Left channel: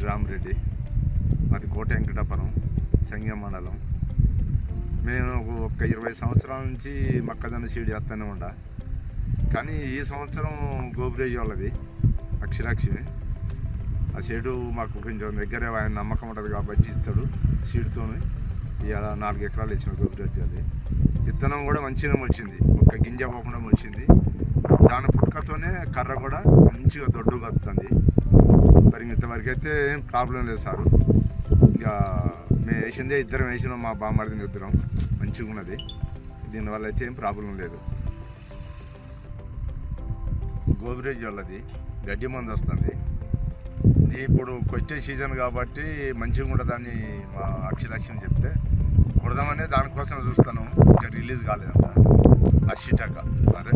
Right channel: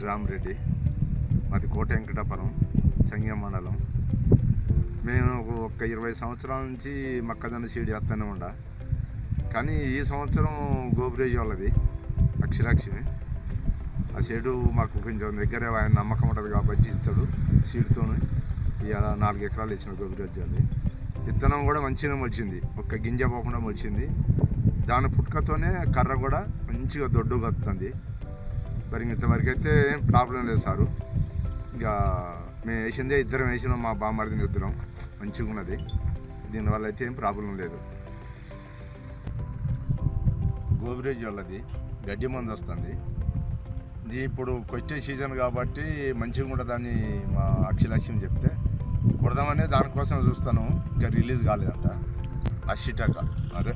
పేరు రామరెడ్డి, మాది కోట వెంకటాపురం సంగం మండలం. మేము ఒక 20 సంవత్సరాల నుంచి మొక్కజొన్న సీడ్ చేస్తూనే ఉండ. కానీ ఈ సంవత్సరం గోబ్రేజ్ వాళ్ళది అక్షరాక్షి ఆ సీడు మాకు కొంచెం దగ్గర ఆయన నమ్మకం ఉంటుంది కాబట్టి ఇస్తాడు. సీడ్తో ఇవాళ 4 ఎకరాలు ఇచ్చిన గోబ్రేజ్ వాళ్ళది. విత్తనం కూడా మంచిగా మొలిచింది, ఒక్క గింజ పోకుండా మొలిచింది. దాని పుట్టుకతోనే కర్ర కూడా మంచిగా దొడ్డుగా వస్తుంది. మరి ఇంతవరకు అయితే ఏం ప్రాబ్లం లేదు సారు. ఇక మేము వేసిందే ఇద్దరం వేసినాం, మా బామ్మడిని ఇద్దరం. మంచిగా ఉన్నది, దీనివల్ల అయితే ఏం ప్రాబ్లం లేదు. గోబ్రేజ్ వాళ్ళది గడ్డి మందు వస్తుంది. ఇది ఇప్పుడు కొట్టే సీజన్ కాబట్టి మంచిగా ఉంటుందని మా అక్షలక్ష్యం చెప్తే కొడదామనే దానికోసం చూస్తాను. ఇంకా రిలీజ్ కాలేదంట. 80 టకా అదే